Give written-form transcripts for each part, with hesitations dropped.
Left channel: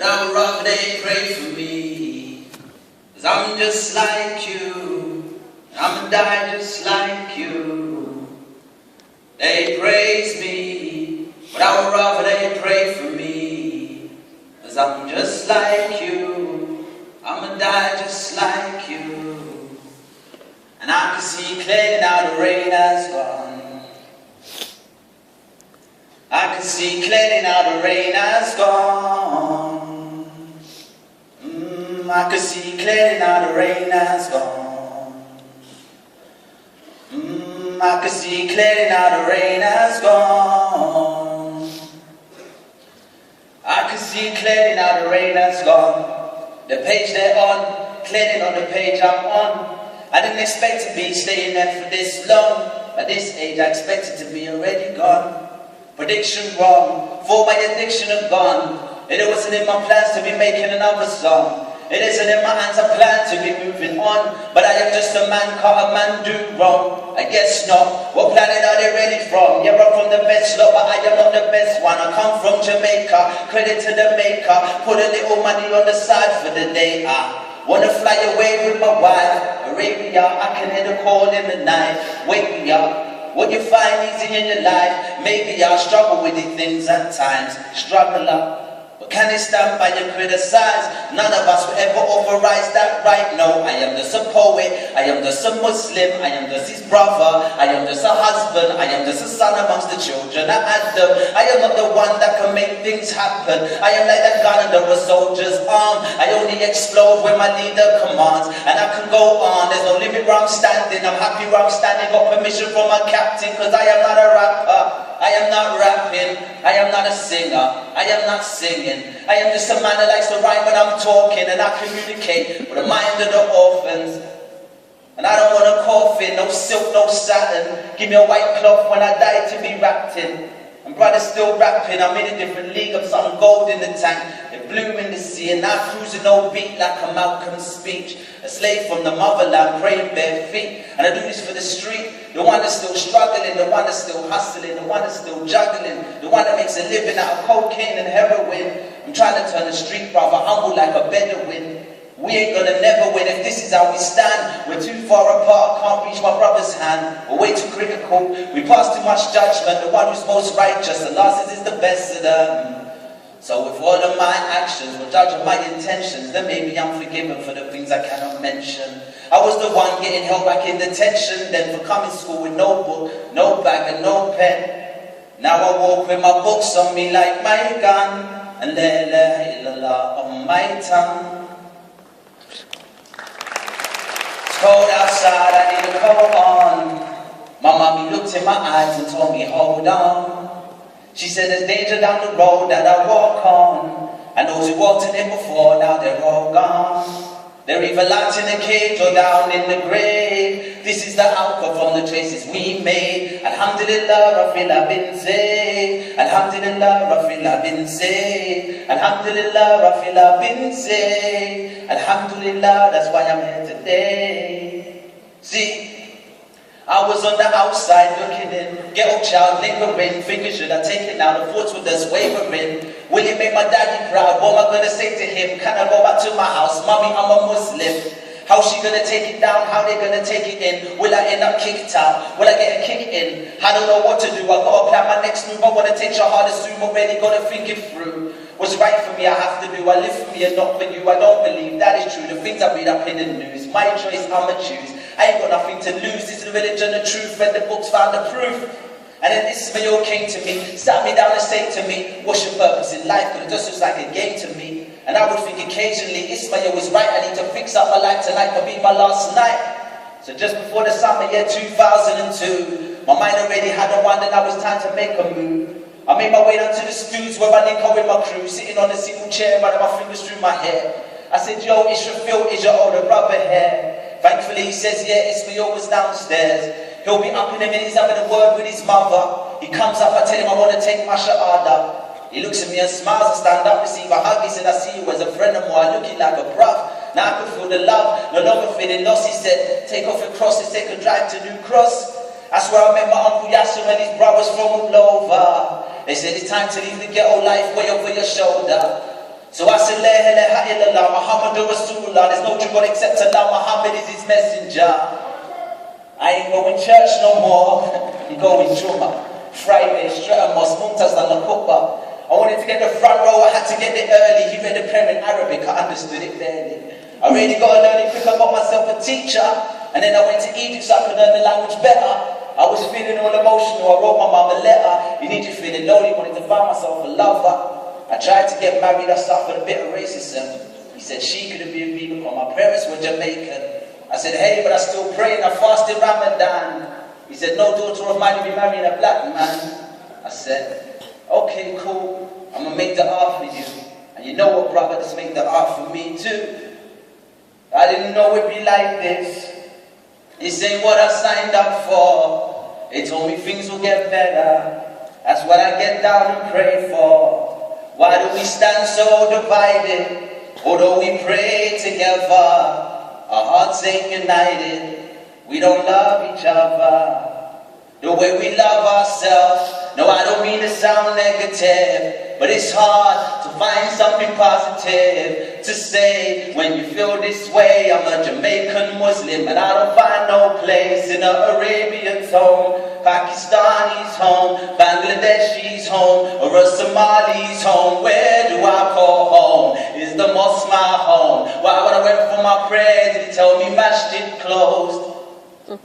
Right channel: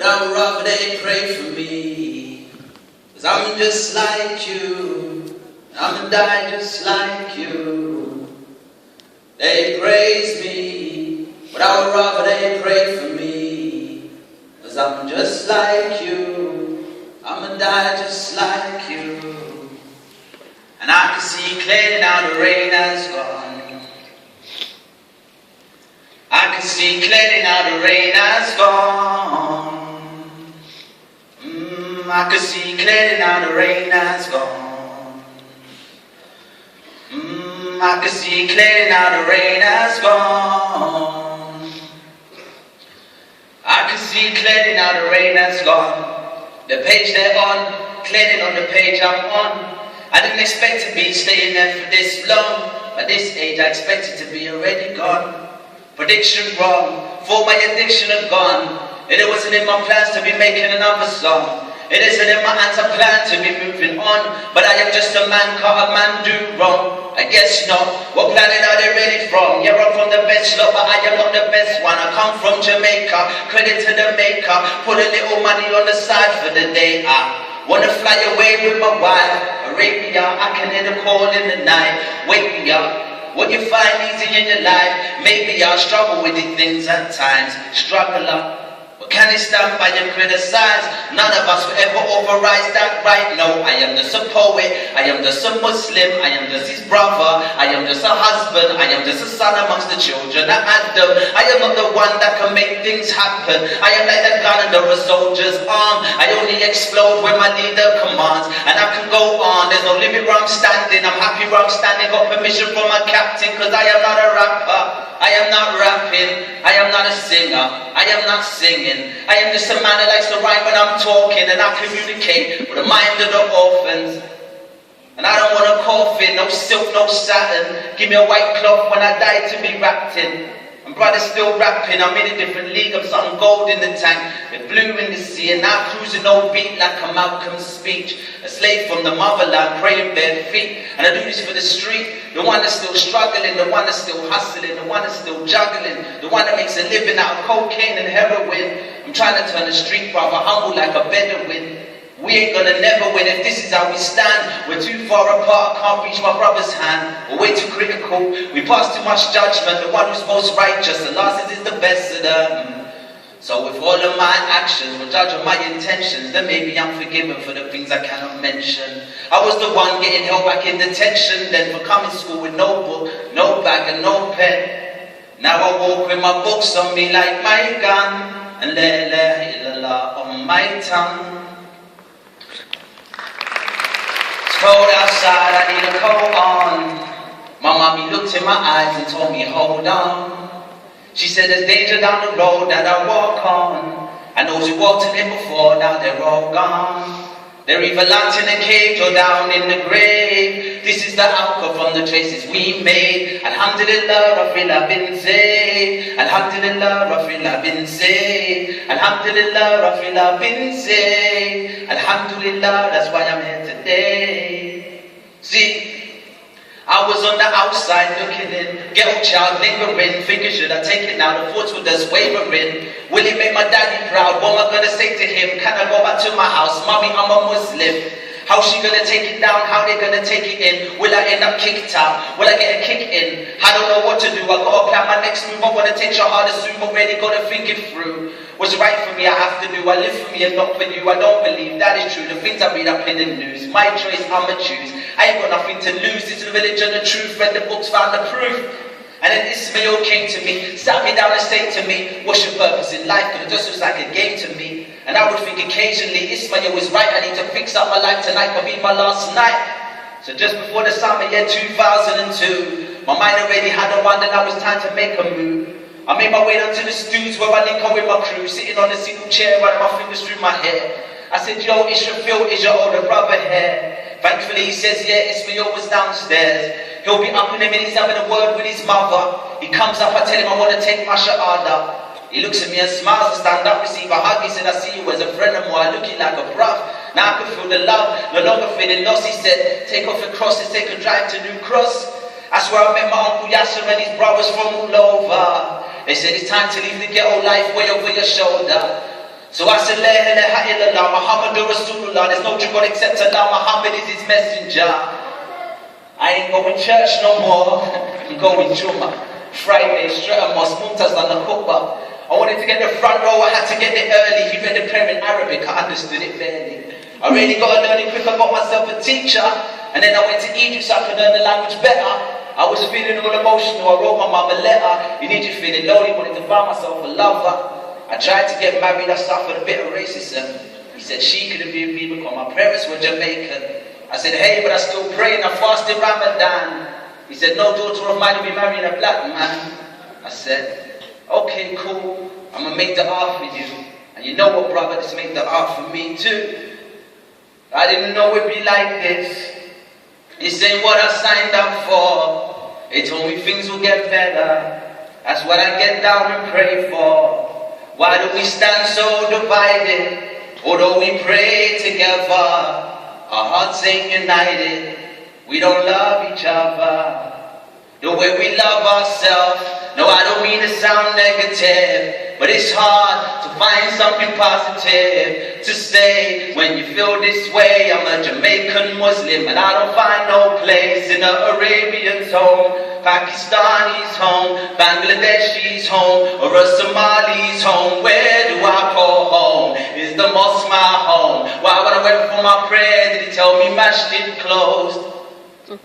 But I would rather they pray for me, 'cause I'm just like you, and I'ma die just like you. They praise me, but I would rather they pray for me, 'cause I'm just like you, I'ma die just like you. And I can see clearly now the rain has gone. I can see clearly now the rain has gone. I can see clearly now the rain has gone. I can see clearly now the rain has gone. I can see clearly now the rain has gone. The page they're on, clearly on the page I'm on. I didn't expect to be staying there for this long. At this age I expected to be already gone. Prediction wrong, for my addiction had gone. It wasn't in my plans to be making another song. It isn't in my hands, I plan to be moving on. But I am just a man, can't a man do wrong? I guess not. What planet are they really from? Yeah, I'm from the best lot, but I am not the best one. I come from Jamaica, credit to the maker. Put a little money on the side for the day. I wanna fly away with my wife, Arabia. I can hear the call in the night. Wake me up. What you find easy in your life, maybe I'll struggle with these things at times. Struggle up. But can it stand by and criticize? None of us will ever authorize that right. No, I am just a poet, I am just a Muslim, I am just his brother, I am just a husband, I am just a son amongst the children of Adam. I am not the one that can make things happen. I am like that gun under a soldier's arm. I only explode when my leader commands. And I can go on, there's no limit where I'm standing. I'm happy where I'm standing, got permission from my captain, 'cause I am not a rapper. I am not rapping, I am not a singer, I am not singing. I am just a man that likes to rhyme when I'm talking, and I communicate with the mind of the orphans. And I don't want a coffin, no silk, no satin. Give me a white cloth when I die to be wrapped in. And brother's still rapping, I'm in a different league, I'm something gold in the tank, they're blue in the sea, and now cruising no beat like a Malcolm speech. A slave from the motherland, praying bare feet, and I do this for the street. The one that's still struggling, the one that's still hustling, the one that's still juggling, the one that makes a living out of cocaine and heroin. I'm trying to turn a street brother humble like a Bedouin. We ain't gonna never win if this is how we stand. We're too far apart, can't reach my brother's hand. We're way too critical, we pass too much judgment. The one who's most righteous, the last is the best of them. So with all of my actions, we're judging my intentions, then maybe I'm forgiven for the things I cannot mention. I was the one getting held back in detention, then for coming to school with no book, no bag and no pen. Now I walk with my books on me like my gun, and la ilaha illallah on my tongue. Cold outside, I need a coat on. My mommy looked in my eyes and told me, hold on. She said there's danger down the road that I walk on. And those who walked in it before, now they're all gone. They're either locked in a cage or down in the grave. This is the outcome from the choices we made. Alhamdulillah, I feel I've been saved. Alhamdulillah, I feel I've been saved. Alhamdulillah, I feel I've been saved. Alhamdulillah, that's why I'm here today. See, I was on the outside looking in, ghetto child lingering, thinking should I take it now, the thoughts were just wavering. Will it make my daddy proud? What am I gonna say to him? Can I go back to my house? Mommy, I'm a Muslim. How's she gonna take it down? How they gonna take it in? Will I end up kicked out? Will I get a kick in? I don't know what to do, I gotta plan my next move. I wanna take your hardest soon, already gotta think it through. What's right for me, I have to do. I live for me and not for you. I don't believe that is true. The things I read up in the news, my choice, I'ma choose. I ain't got nothing to lose. This is the religion, the truth. Read the books, found the proof. And then Ismail came to me, sat me down and said to me, what's your purpose in life? Because it just looks like a game to me. And I would think occasionally, Ismail was right. I need to fix up my life tonight. Could be my last night. So just before the summer year 2002, my mind already had a one, and now it's time to make a move. I made my way down to the studios where I link up with my crew, sitting on a single chair, running my fingers through my hair. I said, yo, Israfil, is your older brother here? Thankfully he says, yeah, Ismail was downstairs. He'll be up in a minute, he's having a word with his mother. He comes up, I tell him I want to take my shahada. He looks at me and smiles, I stand up, receive a hug. He said, I see you as a friend of mine, looking like a bruv. Now I can feel the love, no longer feeling lost. He said, take off your crosses, take a drive to New Cross. That's where I met my Uncle Yasser and his brothers from all over. They said it's time to leave the ghetto life way over your shoulder. So I said, La ilaha illallah, Muhammadur Rasulullah. There's no true God except Allah, Muhammad is his messenger. I ain't going church no more. I'm going Jummah. Friday, straight on mosque, Muntazah and Khutbah. I wanted to get the front row, I had to get there early. He read the prayer in Arabic, I understood it barely. I really got to learn it quick, I got myself a teacher. And then I went to Egypt so I could learn the language better. I was feeling all emotional, I wrote my mum a letter. In Egypt feeling lonely, wanted to find myself a lover. I tried to get married, I suffered a bit of racism. He said she couldn't be with me because my parents were Jamaican. I said, hey, but I still pray and I fasted Ramadan. He said, no daughter of mine will be marrying a black man. I said, okay, cool, I'm going to make the art for you. And you know what, brother, just make the art for me too. I didn't know it'd be like this. This ain't what I signed up for. They told me things will get better. That's what I get down and pray for. Why do we stand so divided? Although we pray together, our hearts ain't united. We don't love each other the way we love ourselves. No, I don't mean to sound negative, but it's hard to find something positive to say when you feel this way. I'm a Jamaican Muslim and I don't find no place in an Arabian's home, Pakistani's home, Bangladeshi's home, or a Somali's home. Where do I call home? Is the mosque my home? Why when I went for my prayer did he tell me masjid closed?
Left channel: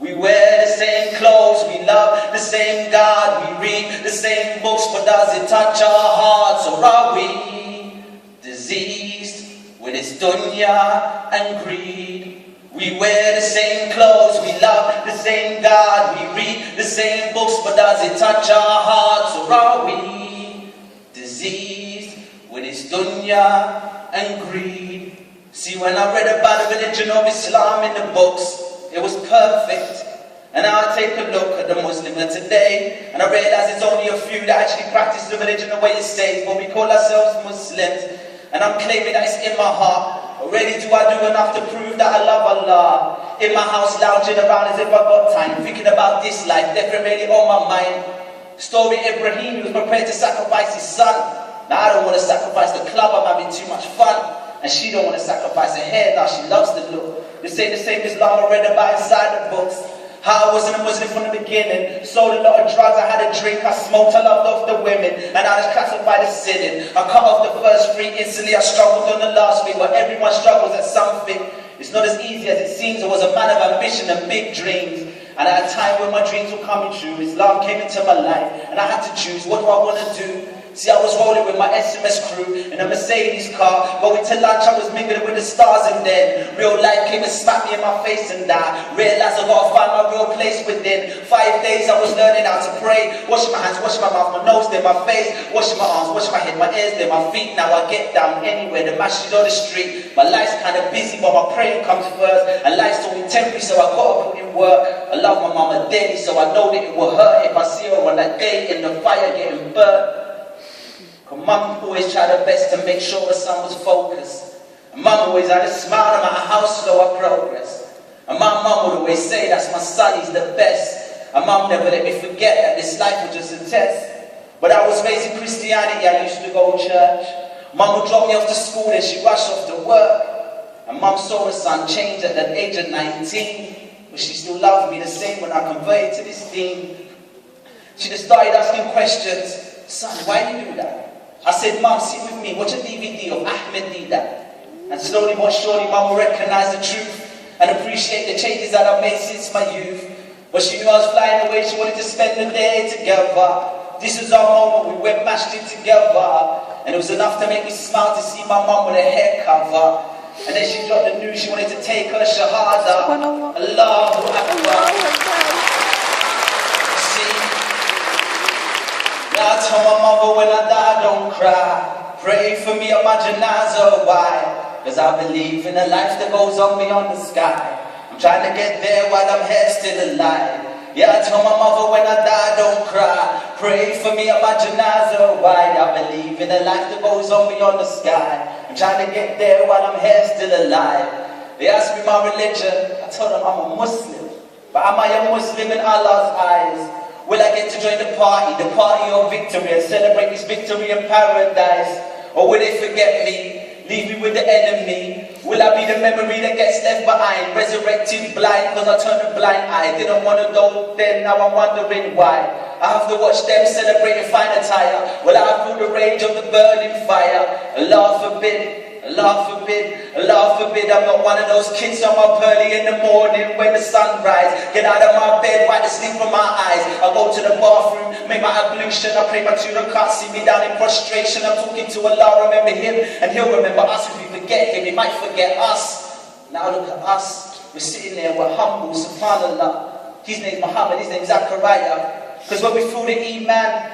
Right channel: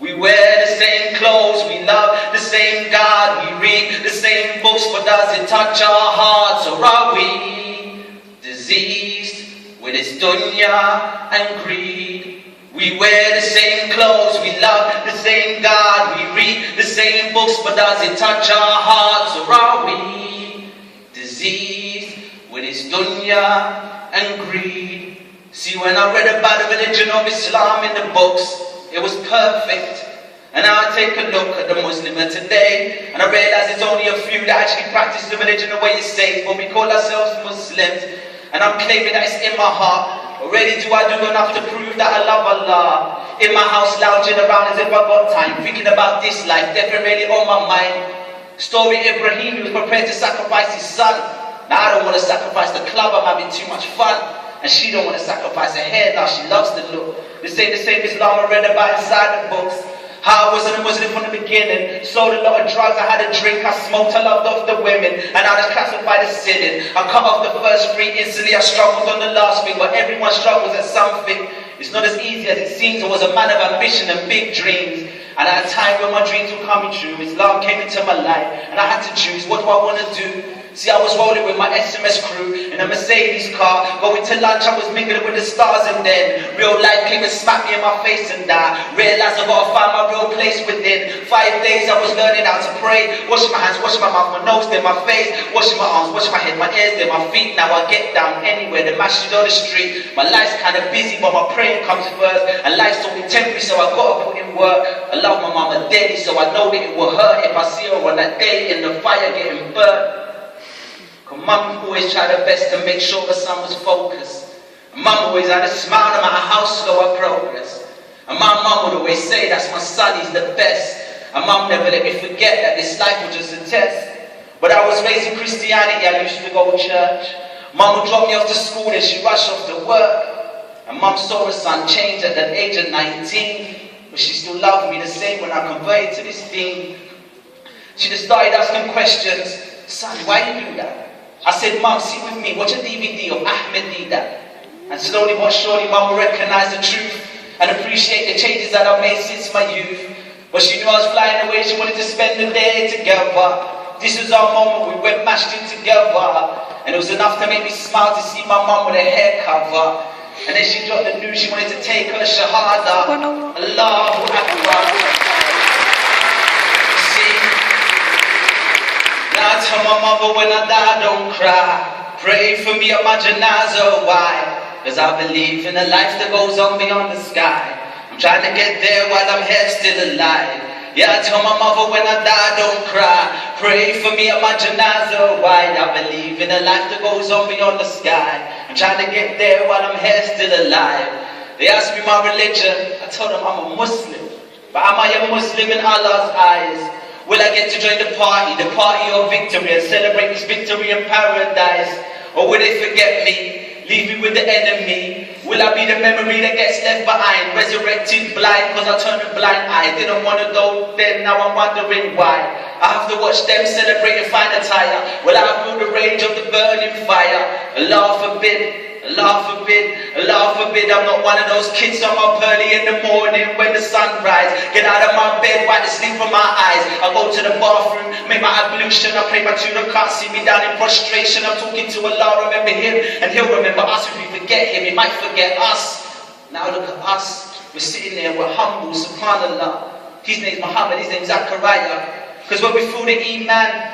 We wear the same clothes, we love the same God, we read the same books, but does it touch our hearts, or are we diseased with this dunya and greed? We wear the same clothes, we love the same God, we read the same books, but does it touch our hearts, or are we diseased with this dunya and greed? See, when I read about the religion of Islam in the books, it was perfect. And now I take a look at the Muslim of today, and I realize it's only a few that actually practice the religion the way it says, but we call ourselves Muslims. And I'm claiming that it's in my heart. Already do I do enough to prove that I love Allah. In my house lounging around as if I got time, thinking about this life, definitely on my mind. Story Ibrahim, he was prepared to sacrifice his son. Now I don't want to sacrifice the club, I'm having too much fun. And she don't want to sacrifice her hair, now she loves the look. This ain't the same Islam I read about inside the books. How I wasn't a Muslim from the beginning. Sold a lot of drugs, I had a drink, I smoked, I loved off the women. And I was classified as sinning. I cut off the first three instantly, I struggled on the last thing. But everyone struggles at something. It's not as easy as it seems. I was a man of ambition and big dreams. And at a time when my dreams were coming true, Islam came into my life. And I had to choose, what do I want to do? See, I was rolling with my SMS crew in a Mercedes car. Going to lunch, I was mingling with the stars, and then real life came and smacked me in my face, and I realized I gotta find my real place within. 5 days I was learning how to pray. Washing my hands, washing my mouth, my nose, then my face. Washing my arms, washing my head, my ears, then my feet. Now I get down anywhere, the masjid on the street. My life's kind of busy, but my praying comes first. And life's only temporary, so I gotta put in work. I love my mama daily, so I know that it will hurt if I see her on that day in the fire getting burnt. Cause mum always tried her best to make sure her son was focused. And mum always had a smile no matter how slow her progress. And my mum would always say, that's my son, he's the best. And mum never let me forget that this life was just a test. But I was raised in Christianity, I used to go to church. Mum would drop me off to school, then she'd rush off to work. And mum saw her son change at the age of 19. But she still loved me the same when I converted to this thing. She just started asking questions. Son, why you do that? I said, Mum, sit with me, watch a DVD of Ahmed Didat. And slowly but surely, Mum will recognize the truth and appreciate the changes that I've made since my youth. But she knew I was flying away, she wanted to spend the day together. This was our moment, we went mashed in together. And it was enough to make me smile to see my mum with her hair cover. And then she dropped the news, she wanted to take her shahada. Allahu Akbar. I tell my mother when I die, don't cry. Pray for me at my janazah, why? Cause I believe in a life that goes on beyond the sky. I'm trying to get there while I'm here still alive. Yeah, I tell my mother when I die, don't cry. Pray for me at my janazah, why? I believe in a life that goes on beyond the sky. I'm trying to get there while I'm here still alive. They asked me my religion, I told them I'm a Muslim. But am I a Muslim in Allah's eyes? Will I get to join the party of victory, and celebrate this victory in paradise? Or will they forget me, leave me with the enemy? Will I be the memory that gets left behind, resurrected blind cause I turned a blind eye? Didn't want to go then, now I'm wondering why. I have to watch them celebrate and find a tire. Will I feel the rage of the burning fire? Allah forbid. Allah forbid, Allah forbid, I'm not one of those kids I'm up early in the morning when the sun rises. Get out of my bed, wipe the sleep from my eyes. I go to the bathroom, make my ablution, I pray my children can't see me down in prostration. I'm talking to Allah, remember him, and he'll remember us. If we forget him, he might forget us. Now look at us, we're sitting there, we're humble, subhanallah. His name's Muhammad, his name's Zachariah. Because when we feel the Iman,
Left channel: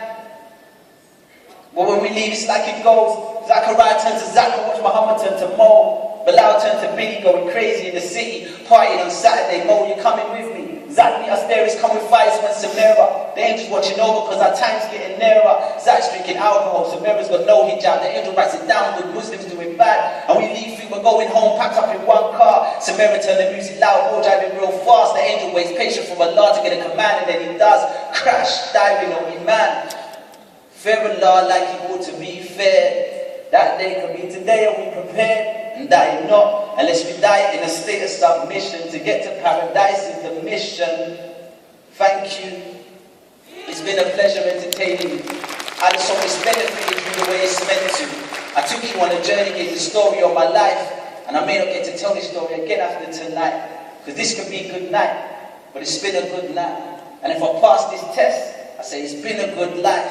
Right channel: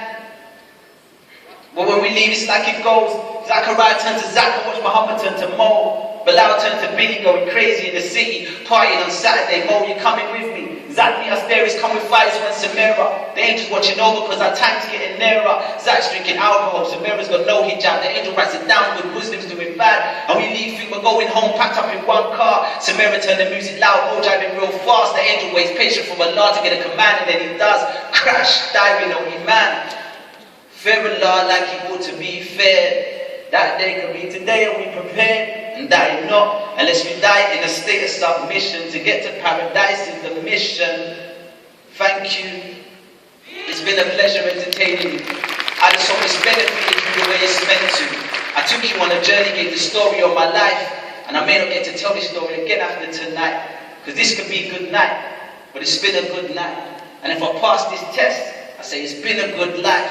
but when we leave, it's like it goes. Zachariah turned to Zach, watch Muhammad turn to Mo. Bilal turned to Billy, going crazy in the city, partying on Saturday. Mo, you coming with me? Zach meet us there, he's come with fires when Samira. The angel's watching over because our time's getting nearer. Zach's drinking alcohol, Samira's got no hijab. The angel writes it down, good Muslims doing bad. And we leave, think we're going home, packed up in one car. Samira turned the music loud, Mo driving real fast. The angel waits patient for Allah to get a command, and then he does. Crash, diving on Iman. Fear Allah like it ought to be fair. That day could be today, are we prepared? And die not, unless we die in a state of submission. To get to paradise is the mission. Thank you. It's been a pleasure entertaining you. I just hope it's benefited you the way it's meant to. I took you on a journey, gave the story of my life, and I may not get to tell this story again after tonight, because this could be a good night, but it's been a good night. And if I pass this test, I say it's been a good life.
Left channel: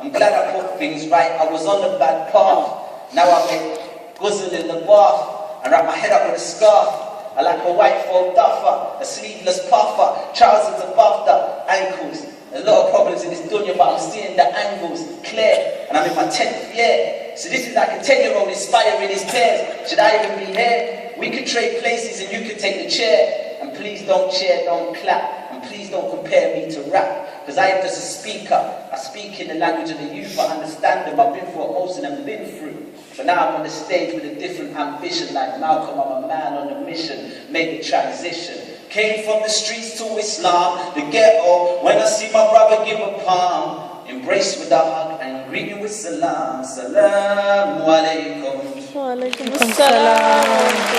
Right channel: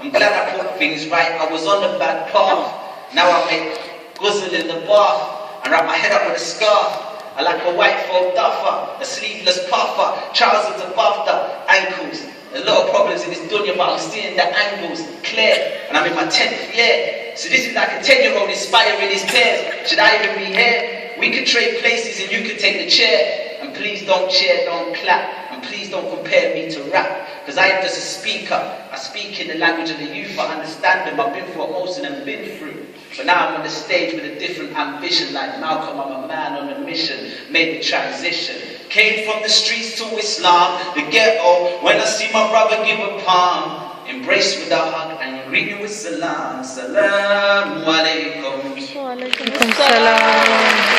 I'm glad I put things right. I was on the bad path. Now I make guzzle in the bath and wrap my head up with a scarf. I like a white faux duffer, a sleeveless puffer, trousers above the ankles. A lot of problems in this dunya, but I'm seeing the angles clear. And I'm in my 10th year. So this is like a 10-year-old inspiring his tears. Should I even be here? We could trade places and you could take the chair. And please don't cheer, don't clap. And please don't compare me to rap. Because I am just a speaker. I speak in the language of the youth. I understand them. I've been through what most of them been through. But now I'm on the stage with a different ambition. Like Malcolm, I'm a man on a mission. Made the transition. Came from the streets to Islam, the ghetto. When I see my brother give a palm, embrace with a hug and greet me with salam. Salaam alaikum. Wa alaikum salam.